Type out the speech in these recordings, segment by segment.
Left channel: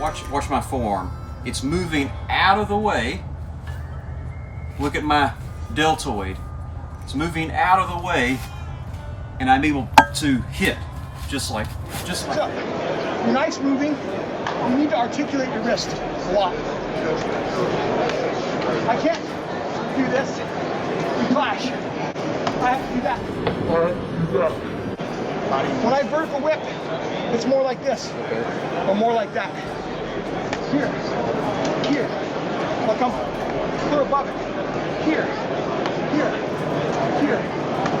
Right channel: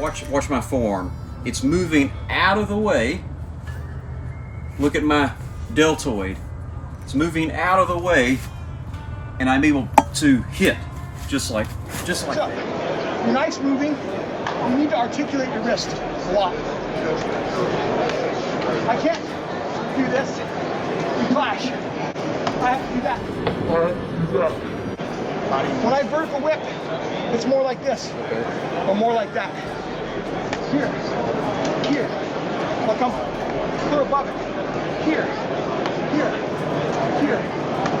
watch my forearm. It's moving out of the way. Look at my deltoid. It's moving out of the way, and I'm able to hit just like that. Your knife's moving. You need to articulate your wrist a lot. I can't do this. You clash. I have to do that. When I vertical whip, it's more like this, or more like that. Here, here. I'll come clear above it. Here, here, here.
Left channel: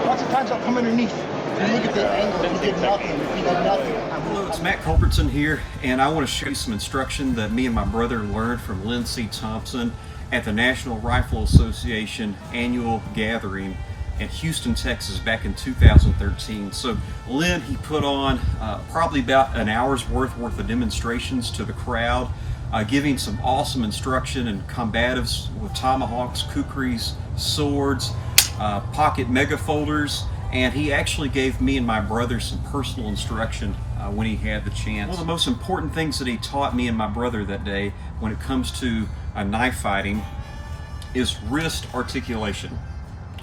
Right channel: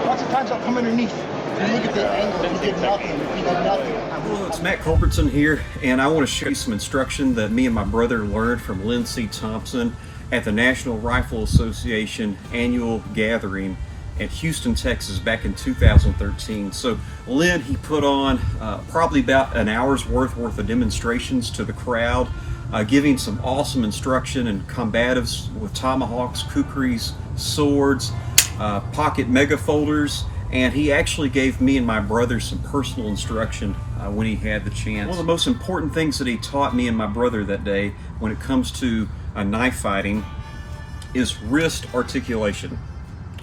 Lots of times I'll come underneath. And look at the angle. You did nothing. You did nothing. Hello, it's Matt Culbertson here, and I want to show you some instruction that me and my brother learned from Lynn Thompson at the National Rifle Association annual gathering at Houston, Texas back in 2013. So Lynn, he put on probably about an hour's worth of demonstrations to the crowd, giving some awesome instruction and combatives with tomahawks, kukris, swords, pocket mega folders, and he actually gave me and my brother some personal instruction when he had the chance. One of the most important things that he taught me and my brother that day when it comes to knife fighting is wrist articulation.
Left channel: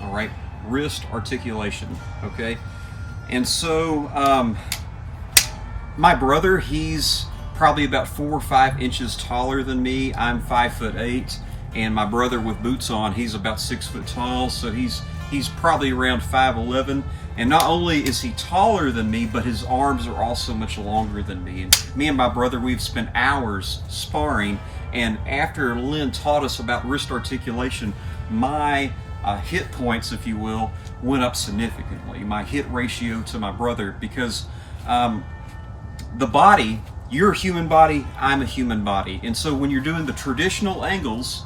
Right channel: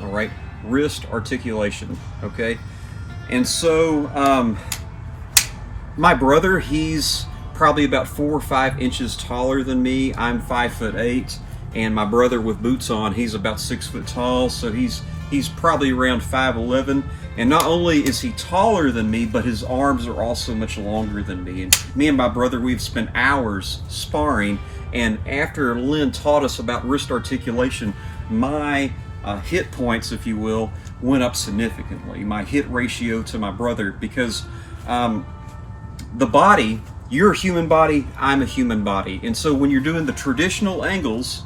All right, wrist articulation, okay? And so my brother, he's probably about 4 or 5 inches taller than me. I'm 5'8", and my brother with boots on, he's about 6 foot tall, so he's probably around 5'11", and not only is he taller than me, but his arms are also much longer than me. And me and my brother, we've spent hours sparring, and after Lynn taught us about wrist articulation, my hit points, if you will, went up significantly. My hit ratio to my brother, because the body, you're a human body, I'm a human body, and so when you're doing the traditional angles,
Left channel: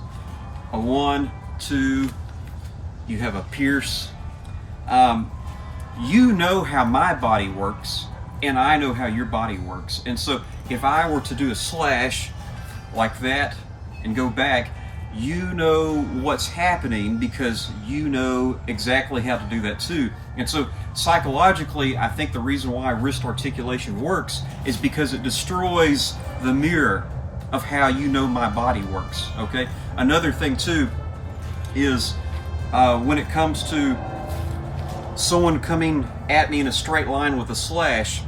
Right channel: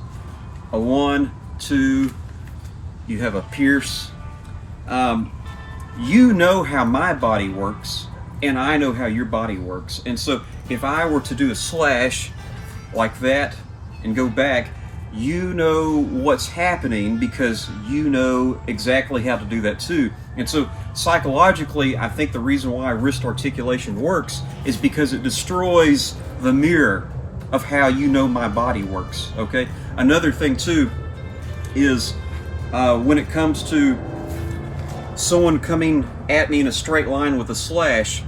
a 1, 2, you have a pierce, you know how my body works, and I know how your body works. And so if I were to do a slash like that and go back, you know what's happening because you know exactly how to do that too. And so psychologically, I think the reason why wrist articulation works is because it destroys the mirror of how you know my body works, okay? Another thing too is when it comes to someone coming at me in a straight line with a slash,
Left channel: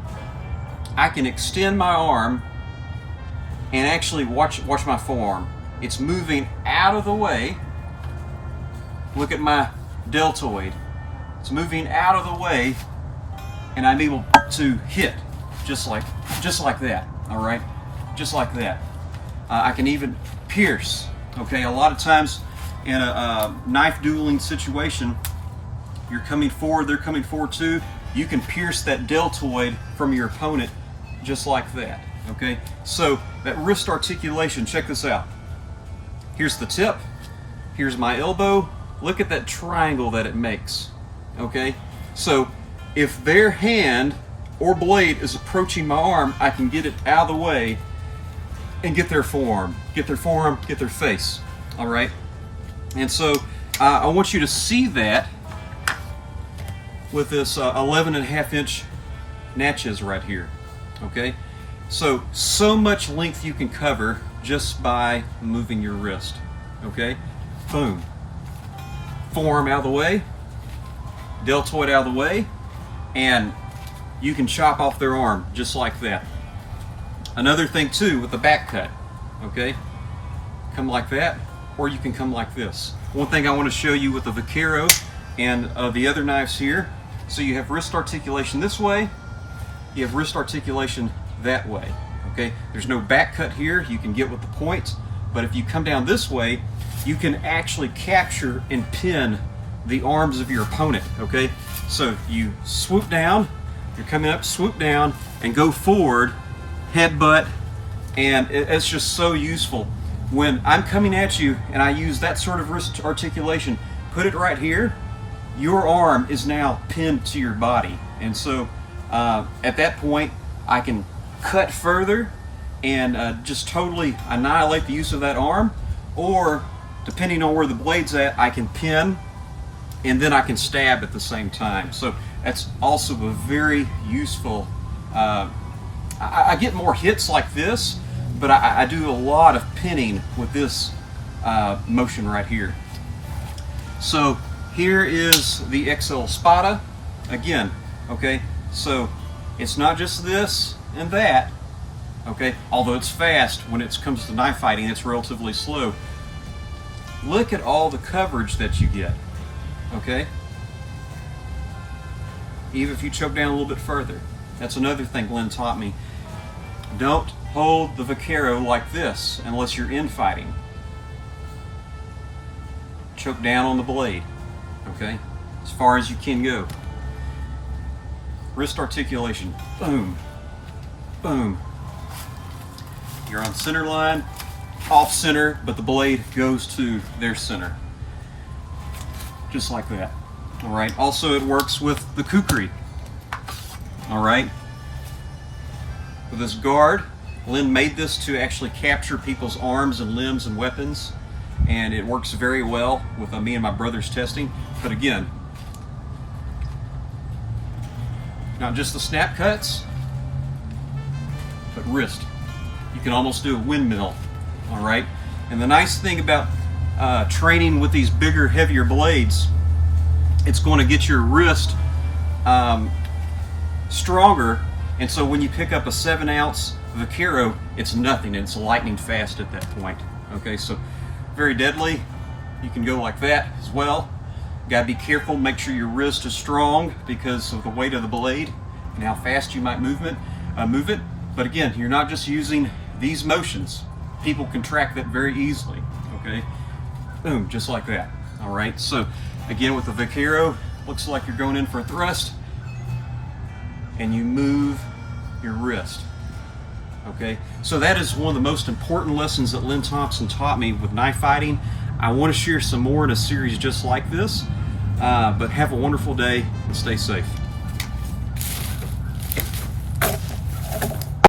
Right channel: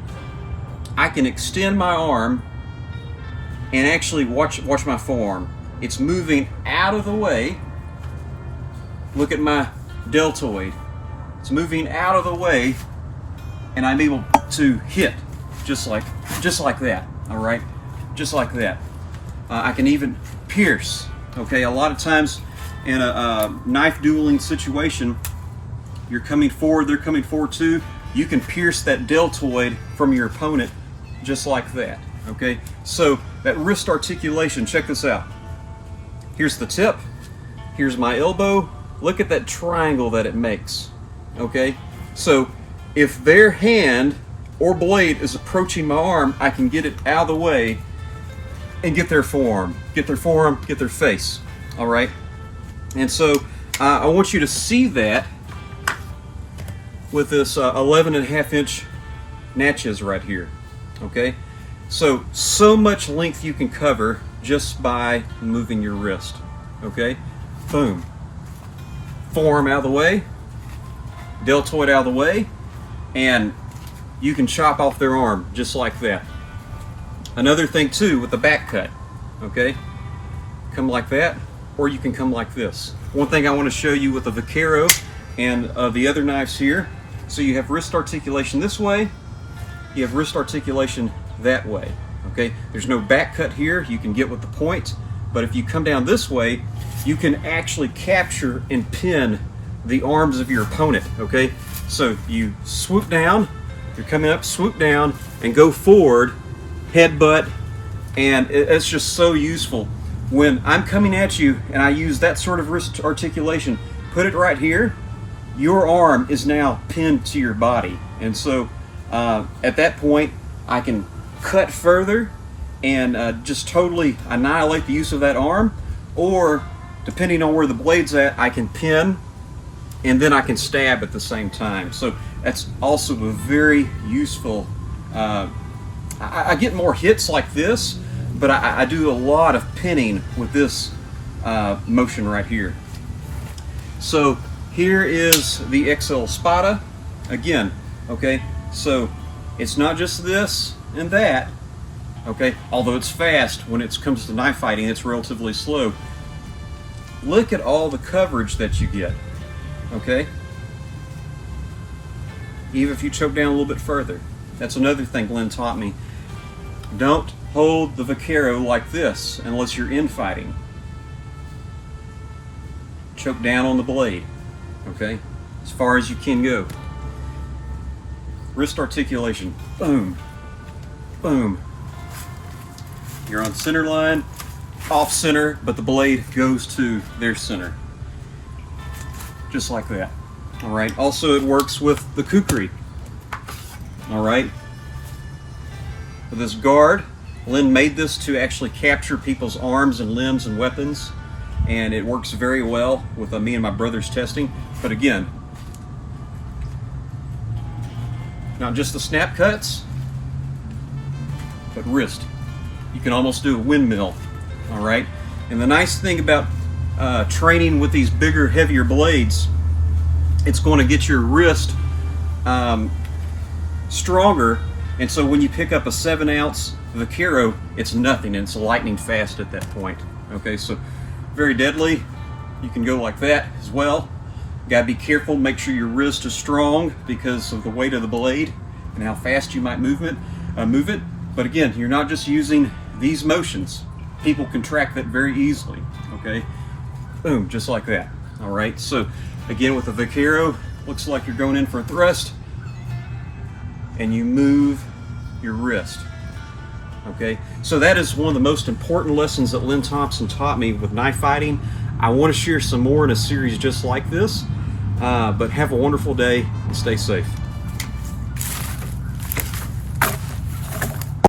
I can extend my arm and actually watch my forearm. It's moving out of the way. Look at my deltoid. It's moving out of the way, and I'm able to hit just like that. All right, just like that. I can even pierce. Okay, a lot of times in a knife dueling situation, you're coming forward, they're coming forward too. You can pierce that deltoid from your opponent just like that. Okay, so that wrist articulation, check this out. Here's the tip, here's my elbow. Look at that triangle that it makes. Okay, so if their hand or blade is approaching my arm, I can get it out of the way and get their forearm, get their face. All right, and so I want you to see that with this 11.5-inch natchez right here. Okay, so much length you can cover just by moving your wrist. Okay, boom, forearm out of the way, deltoid out of the way, and you can chop off their arm just like that. Another thing too with the back cut, okay, come like that, or you can come like this. One thing I want to show you with the Vaquero and the other knives here, so you have wrist articulation this way, you have wrist articulation that way. Okay, there's no back cut here, you can get with the point, but if you come down this way, you can actually capture and pin the arms of your opponent. Okay, so you swoop down, you're coming up, swoop down, and go forward, headbutt, and it's just so useful. When I'm coming at you and I use that sort of wrist articulation, put it right here, your arm is now pinned to your body. And so at that point, I can cut further and just totally annihilate the use of that arm, or depending on where the blade's at, I can pin and then I can stab at the same time. So that's also a very useful, I get more hits like this, but I do a lot of pinning with this motion right here. So here is the XL Spada again. Okay, so it's not just this and that. Okay, although it's fast, when it comes to knife fighting, it's relatively slow. Look at all the coverage that you get. Okay, even if you choke down a little bit further. That's another thing Lynn taught me. Don't hold the Vaquero like this unless you're infighting. Choke down on the blade, okay? As far as you can go. Wrist articulation, boom, boom. You're on center line, off center, but the blade goes to their center. Just like that, all right? Also, it works with the kukri, all right? With this guard, Lynn made this to actually capture people's arms and limbs and weapons, and it works very well with me and my brother's testing. But again, not just the snap cuts, but wrist. You can almost do a windmill, all right? And the nice thing about training with these bigger, heavier blades, it's going to get your wrist stronger. And so when you pick up a 7-ounce Vaquero, it's nothing, and it's lightning fast at that point. Okay, so very deadly. You can go like that as well. Gotta be careful, make sure your wrist is strong because of the weight of the blade and how fast you might move it. But again, you're not just using these motions. People can track that very easily, okay? Boom, just like that, all right? So again, with the Vaquero, looks like you're going in for a thrust, and you move your wrist, okay? So that is one of the most important lessons that Lynn Thompson taught me with knife fighting. I want to share some more in a series just like this, but have a wonderful day and stay safe.